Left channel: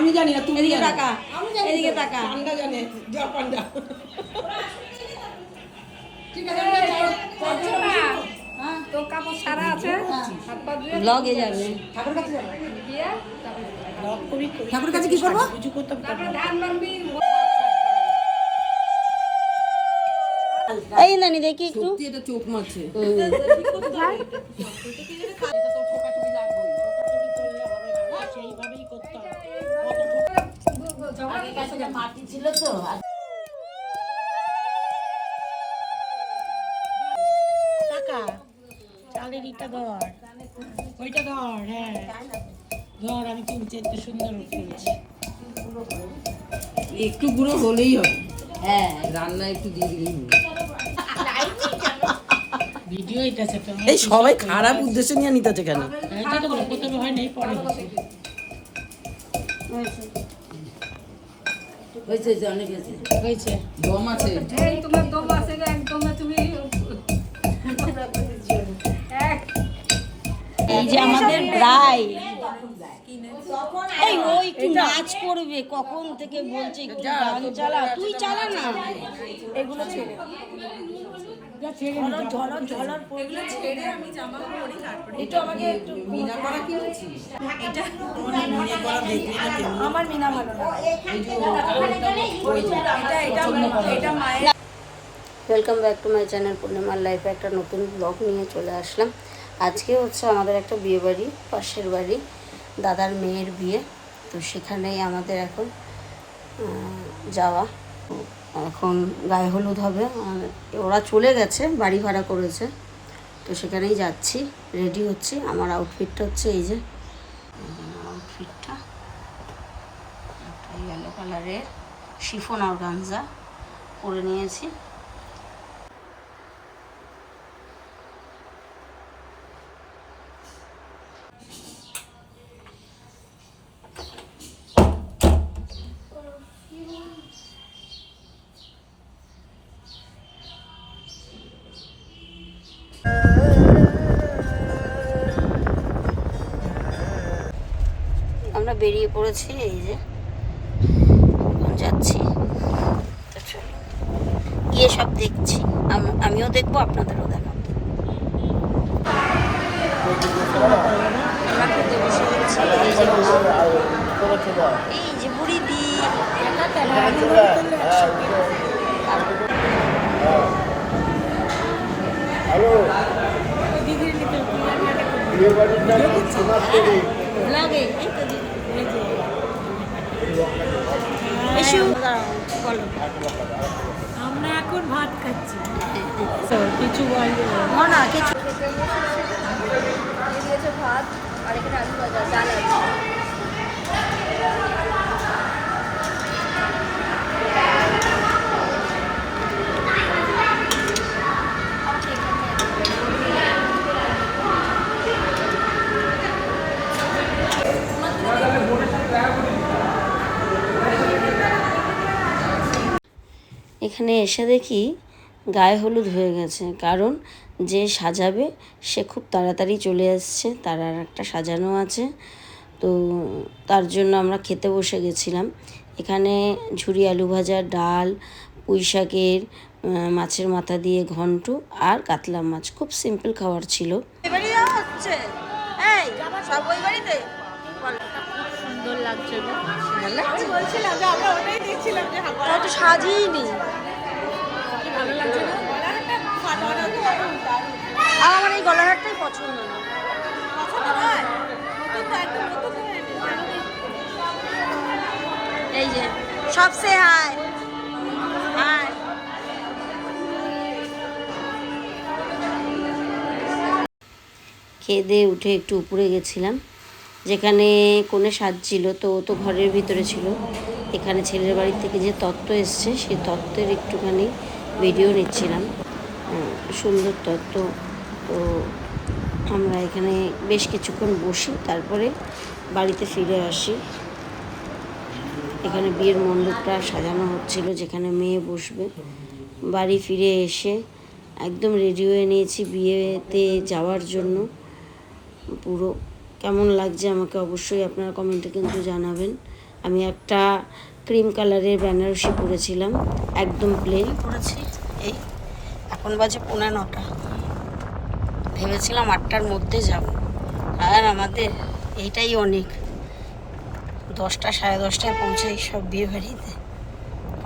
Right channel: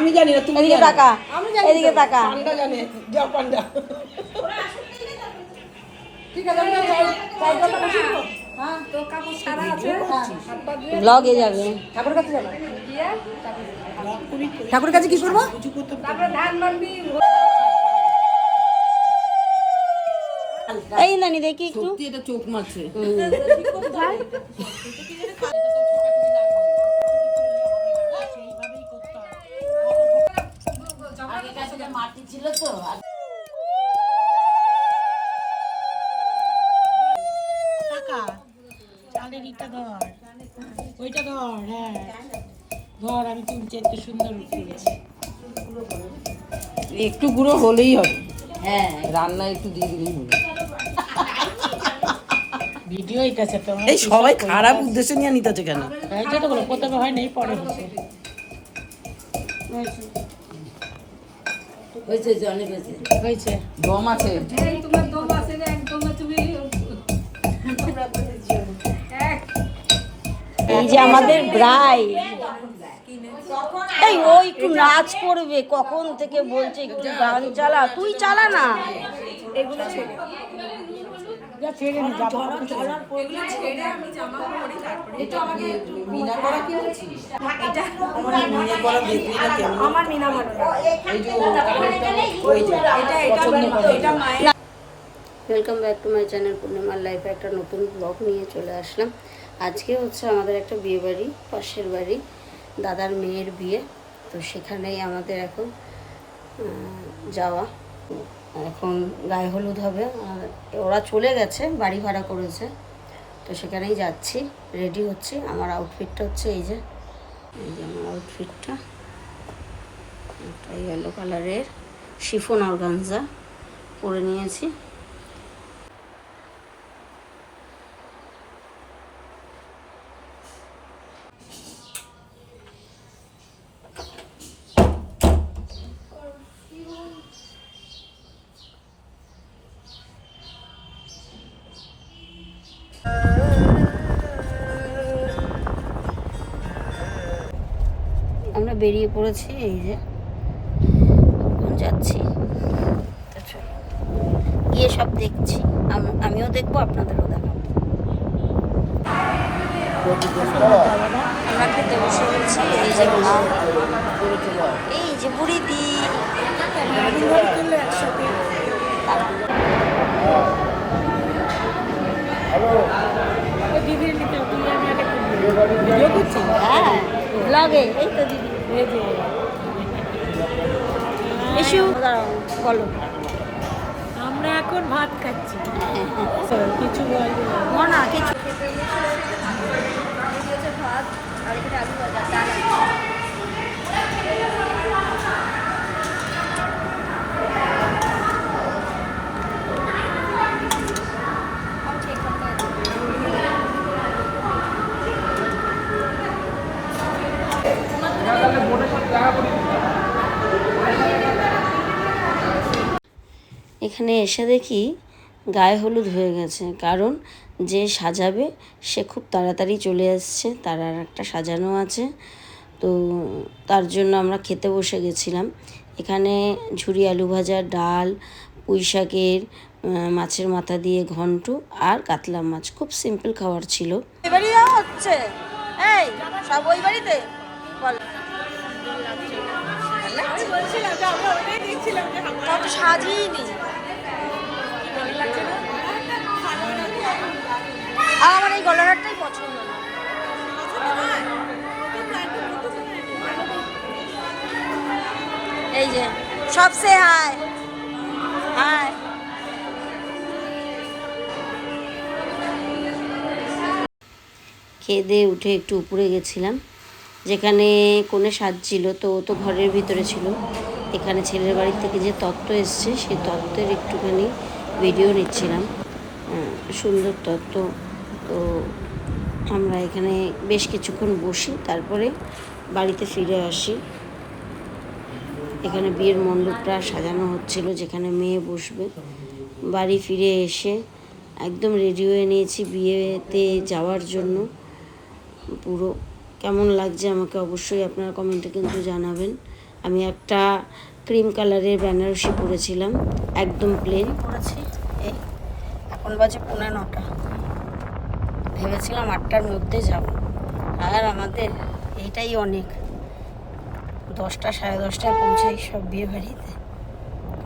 আমি জানি না, তুমি এদিকে জানো। তাকা, এদিকে তাকা। পান্ডা জানে, যা পান্ডা। ঠিক আছে, আমি যাই। হ্যাঁ, তো কাপড় সারা আছে, ব্লগে যাবে। ঠাকুর কাছে যাবে। ঠাকুর কাছে কি করবো? তারপরে ধান বানবি। এই নানি দেখি একটু। সত্যি এটা চোখ মারছে। মাটি ছিল তো। ওইটা ধর, হ্যাঁ ধর, আমি তুলছি, একটু সুন্দর তুলছি। একটু গুঁড়ো হলেই হবে, হ্যাঁ, রান্না একটু দিয়ে দিলেই হবে। ভিডিও এটা আছে তো, এই সবাই খারাপ উদ্দেশ্য নিয়ে নিতেছে কেন? এইটা তো বলো, প্রথমে হয় নাই, পরে হচ্ছে। হয়েছে, অনেক হয়েছে। হয়েছে। দম আছে। এই তোমার দম আছে না, একদম তুমি এই যে আমাদের ভাই, এই ও একটু নাচ করবে, কখন থেকে বলছে একটু গান চালা, তুই চালা না। এগুলো ছেড়ে এগুলো ছেড়ে আমি জামা পরি, তারপরে একটু আমাকে একটু মিনা করা কিনেছিস? এটা মিনা করা দেখবি না কেমন? আমার মিনা ভালো না, এই যে ওই যে এটা মায়ের। Welcome back to my channel পূর্ণিমার লাইফে একটা নতুন ব্লগ নিয়ে চলে আসলাম। আজকে হচ্ছে আমাদের একটা বিয়ে বাড়ি, পাশের বাড়ি, দাদার মেয়ের বিয়ে। তো সেখানেই আমাদের এখন যাওয়া। এখন গায়ে হলুদ হবে, আর ওরা চলে গেছে, বাড়ি ভাড়া করেছে। তো সেখানেই যাচ্ছি, রেডি হচ্ছি। আমার আউটফিটটা হচ্ছে এই যে আমার আউটফিটটা, একটা ইয়েলো কালারের শিফন অর্গানজা পরে নিয়েছি। আমরা বেরিয়ে পড়েছি, এই যে যাচ্ছি। তো চলো গিয়ে সব দেখছি, আমিও দেখবো, আপনাদেরও দেখাবো। আমরা খেতে বসে গেছি। এই যে মা, এই যে বুড়ি দি, দিদির নিতে তুই আমি আগে করবি, ভিডিও করছি। ব্লগে এসু বলো। আমরা এখন ভাত খাচ্ছি, কিছু না কিছু ভাত আর এখানে আলু ভাজা, ডাল আছে। এখানে এসে দেখি গায়ে হলুদ হয়ে গেছে, কারণ যে সাজাবে সে খুব তাড়াতাড়ি চলে আসছে, তার আর একটা সাজানো আছে। তো তার জন্য আমরা খেতে বসে গেছিলাম। এখানে ঝুরি আলু ভাজা, ডাল, পুঁই শাকের মাছের মাথা দিয়ে ঘন্ট, আর কাতলা মাছ। খুব সিম্পল খাবার ছিল। এবারে হচ্ছে এই সব ওই বাড়িতে তো সাজিয়ে আমার এই গলারটাই পছন্দ না। এই যে সবসে হাই হাই। খেয়ে দিয়ে উঠে একটু উপরে গেছিলাম, যেখানে কোণে সাজছিল। তো ও তো ঘরের ভিতরে ছিল। এখানে ছেলের বাড়ির থেকে যে তত্ত্ব এসছে, সেই তত্ত্বের একটুখানি ভিডিও নিচ্ছিলাম। সুন্দর তত্ত্ব। তো আমরা এখানে বেশ কিছুক্ষণ বসি, তারপরে বাড়িতে ফিরে আসি। এখানে বিয়ের মণ্ডপটা সাজানো হচ্ছিল, যেখানে মেয়ে বসবে। বাড়ি ফিরে এসে একদম রেডি হয়ে নিয়েছি বিয়েতে যাওয়ার জন্য। পুরো কেমন লাগছে আমাকে অবশ্যই আপনারা কমেন্টে কিন্তু জানাবেন। আমি একটা ক্রিম কালারের বেনারসি পরেছিলাম, একদম প্লেন পরেছি। এই এখন বাজে 9:45, ভেবেছিলাম 8টার মধ্যে যাব, আর আমাদের এইটাই অনেক, 10টা 10:30টায় পৌঁছাই সব বিয়ে বাড়িতে।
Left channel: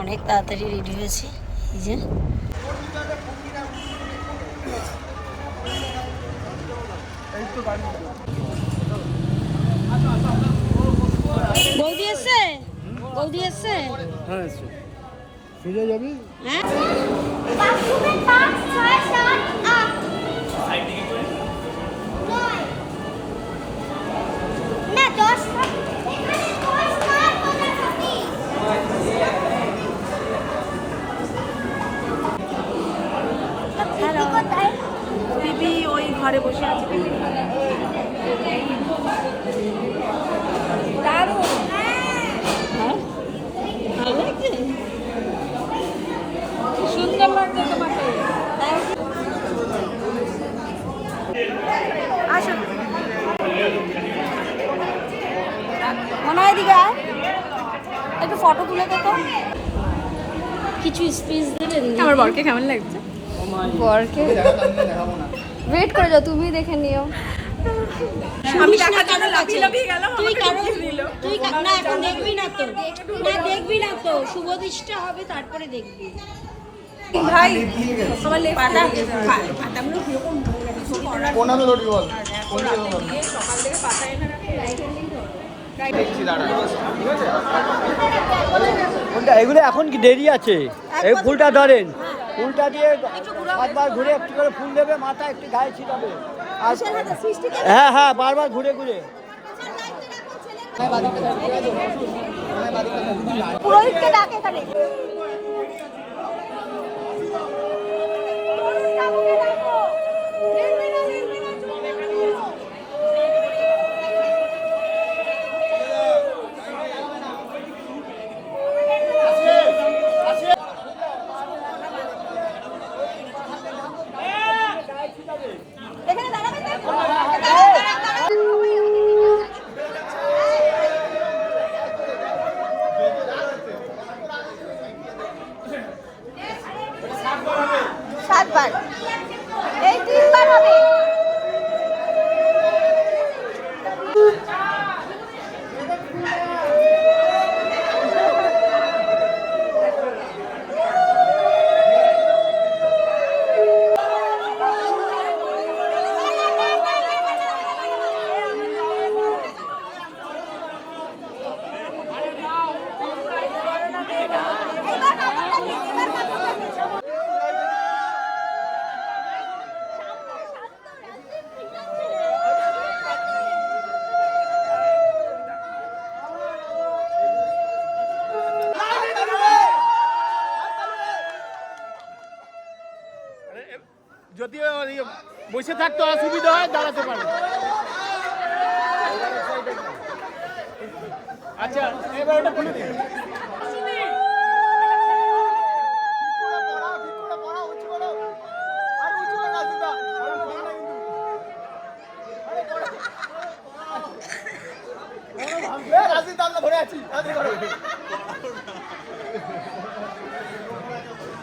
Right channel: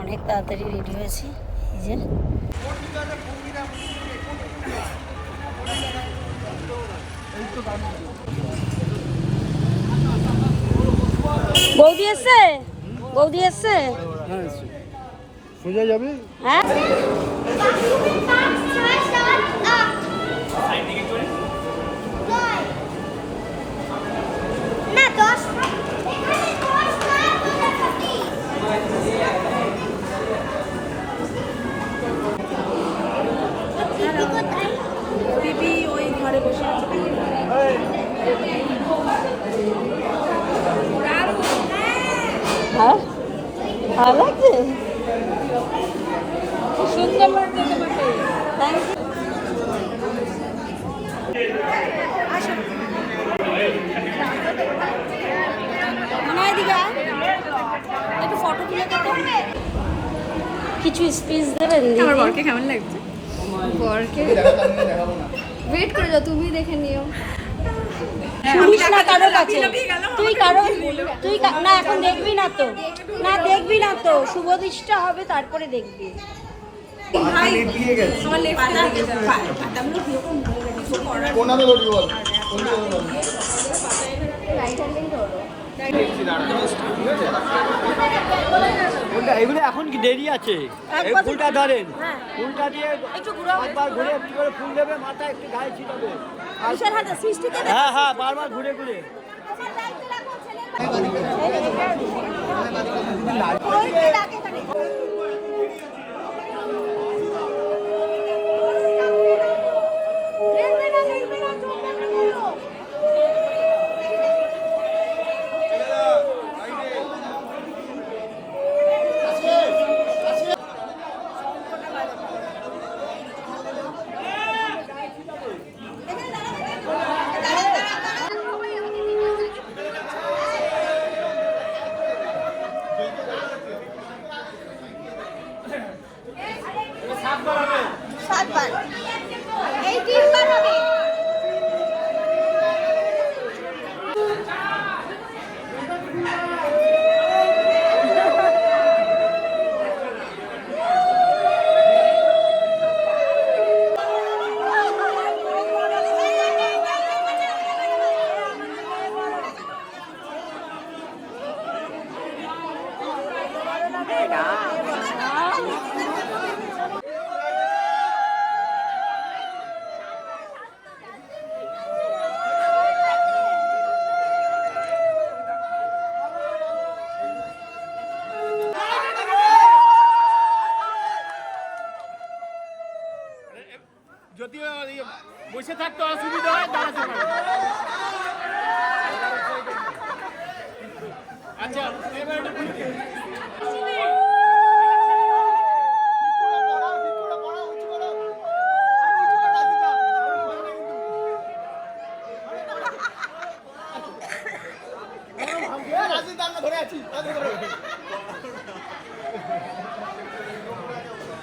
অনেক তাড়াতাড়ি রেডি হয়েছি। এই যে বৌদি এসছে, বৌদি এসছে। হ্যাঁ সোজা যাবে। হ্যাঁ দিদি ওই ঘরে বসে আছে। হ্যাঁ ভালো লাগছে, সুন্দর লাগছে তোমাকে। মনে হয় দিবা একটু ফটো তুলে দেখো, কিছু স্পিচ দেবেন? আমার বরকে কেমন লাগছে? বরকে ওয়েট করে যাও, তুমি দেখে নিও। আমি শুনিস না কারোর কাছে, লাফিয়ে গেলাম, তুই আমাকে কারো দেখিয়ে দিল। তুই না এখন দেখবি না তো, না দেখবি না তো, শুভ দৃষ্টা হবে তারপরে দেখবি। ভাই আমার লেফট পাতাগুলো কিরকম হয়ে গেছে, কিছু করার নেই। কোনাতে ধরি বল। এগুলো এখন কি দেরি আছে? এই ফুলটা ধরেন, ফুলটা দিয়ে একবার ঘুরে একটু করে ফুল দেবে, মাথা একটু গায়ে ছিটাবে। হ্যাঁ হ্যাঁ, বারবার ঘুরে ঘুরে। পুরোহিতকে ডাকে এখানে। সাতবার, এই 3বার হবে। যদি বসে থাকতে অসুবিধা হয় দাঁড়াতে পারো। আচ্ছা এবার এটা খুলে দিন।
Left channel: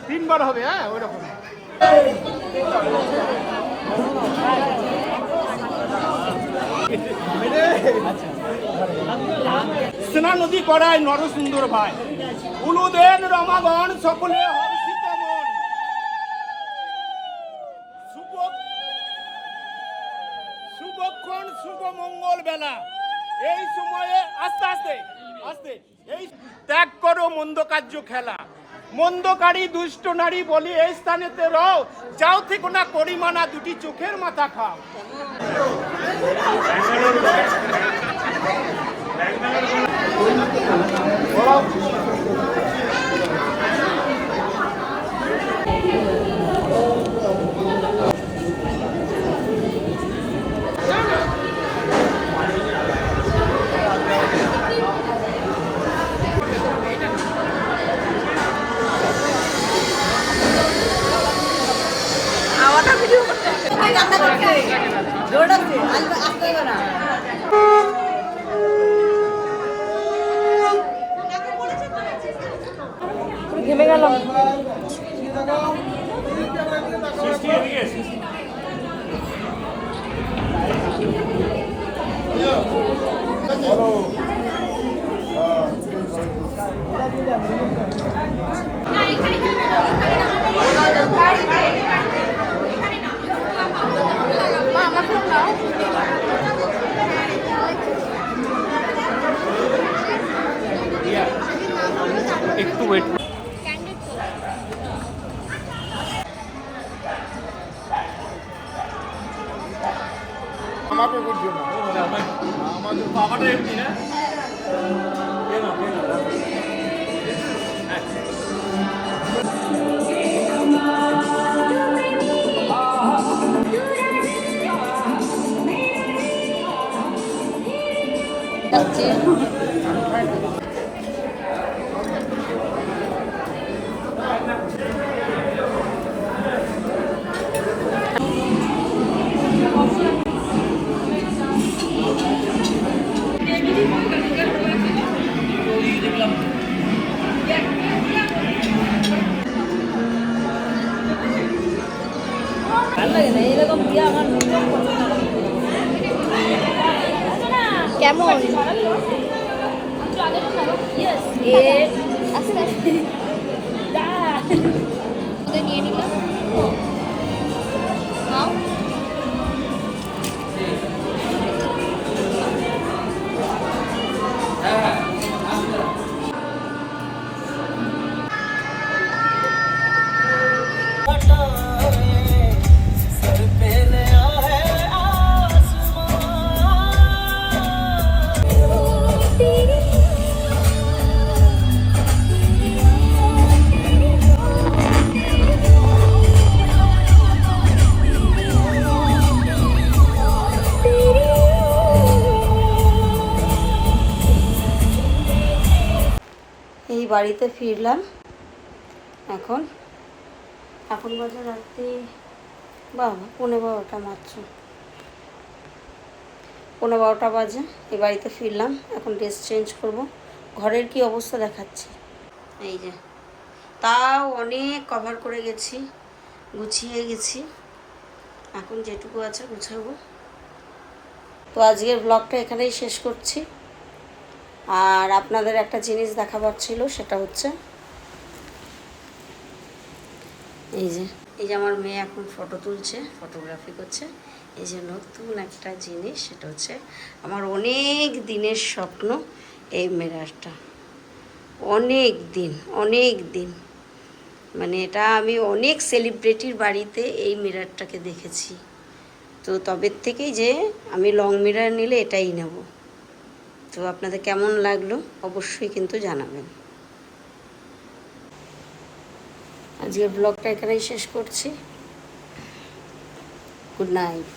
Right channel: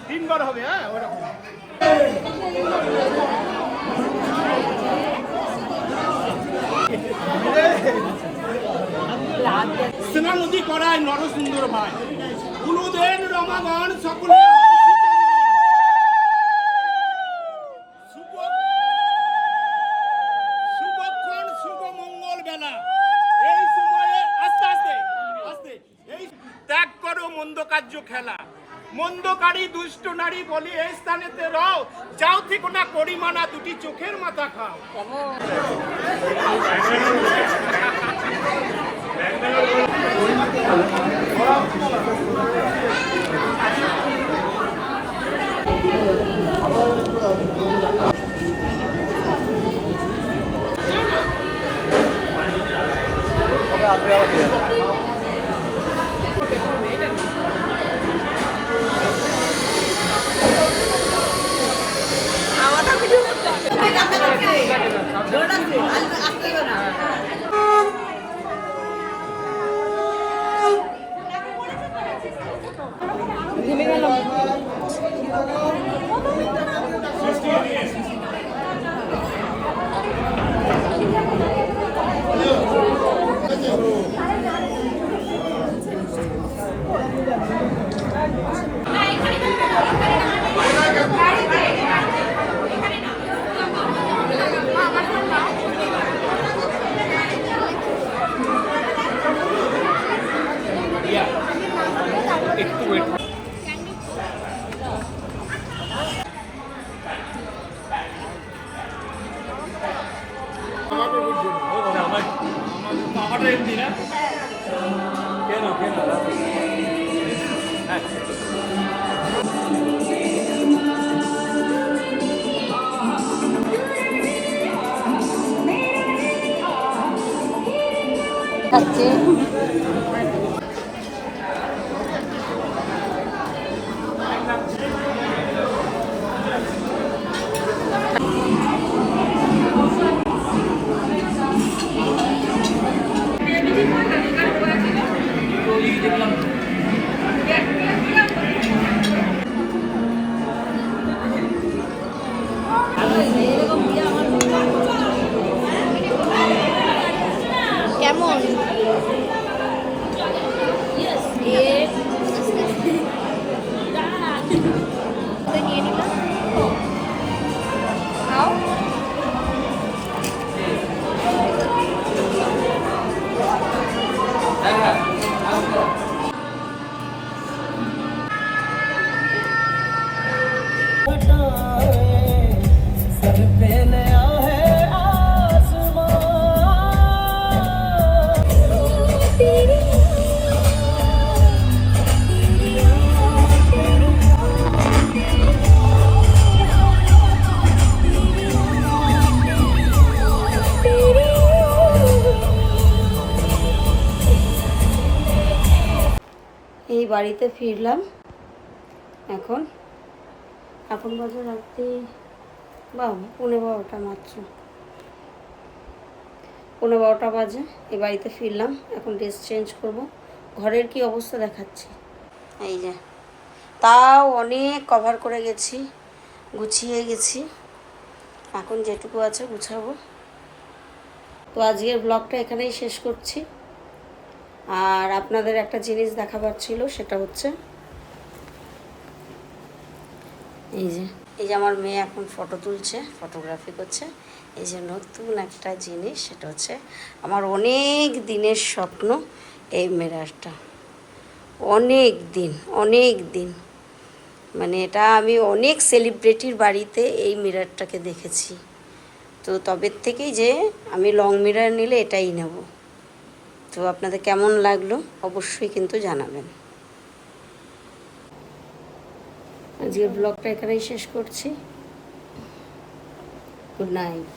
তিনবার হবে, হ্যাঁ ওরকম। স্নান নদী করায় নরসুন্দর ভাই, উলুদেন রমাগণ সকলে হর্ষিত মন। শুভক্ষণ শুভ মঙ্গল বেলা, এই সময়ে আস্তে আস্তে আস্তে এই ত্যাগ করো মন্দ কার্য খেলা, মন্দকারী দুষ্ট নারী বলি এই স্থানেতে রও, যাও থেকে না করিমানা দুটি চোখের মাথা খা। ঘেমে গেলাম। একটু ওয়েট আমারটা এমনি না কেমন এই বাড়িতে ফিরলাম এখন বাজে রাত্রি 12:15 মাত্র 12:15 বাজে। এই বাড়িতে ফিরলাম, এখন ড্রেস চেঞ্জ করব। ঘরের কি অবস্থা দেখাচ্ছি, এই যে তাও অনেক কভার করে গেছি, গুছিয়ে গেছি, এখন যেটুকু আছে গুছাবো। তো আজকের ব্লগটা এখানেই শেষ করছি। আর আপনাদের একটা জিনিস দেখাবার ছিল, সেটা হচ্ছে এই যে আমার মেয়ে এখন ফটো তুলছে, ফটোগ্রাফি করছে। এই যে নতুন একটা জিনিস, সেটা হচ্ছে আমার অনেক দিনের স্বপ্ন, এই মিররটা। অনেক দিন মানে এটা আমি অনেক সেলিব্রিটির বাড়িতে এই মিররটাকে দেখেছি। তো তবে থেকেই যে আমি লং মিরর নিলে এটাই নেব। তো আপনাদের কেমন লাগলো অবশ্যই কিন্তু জানাবেন। আজকের ব্লগটা এখানেই শেষ করছি। Good night.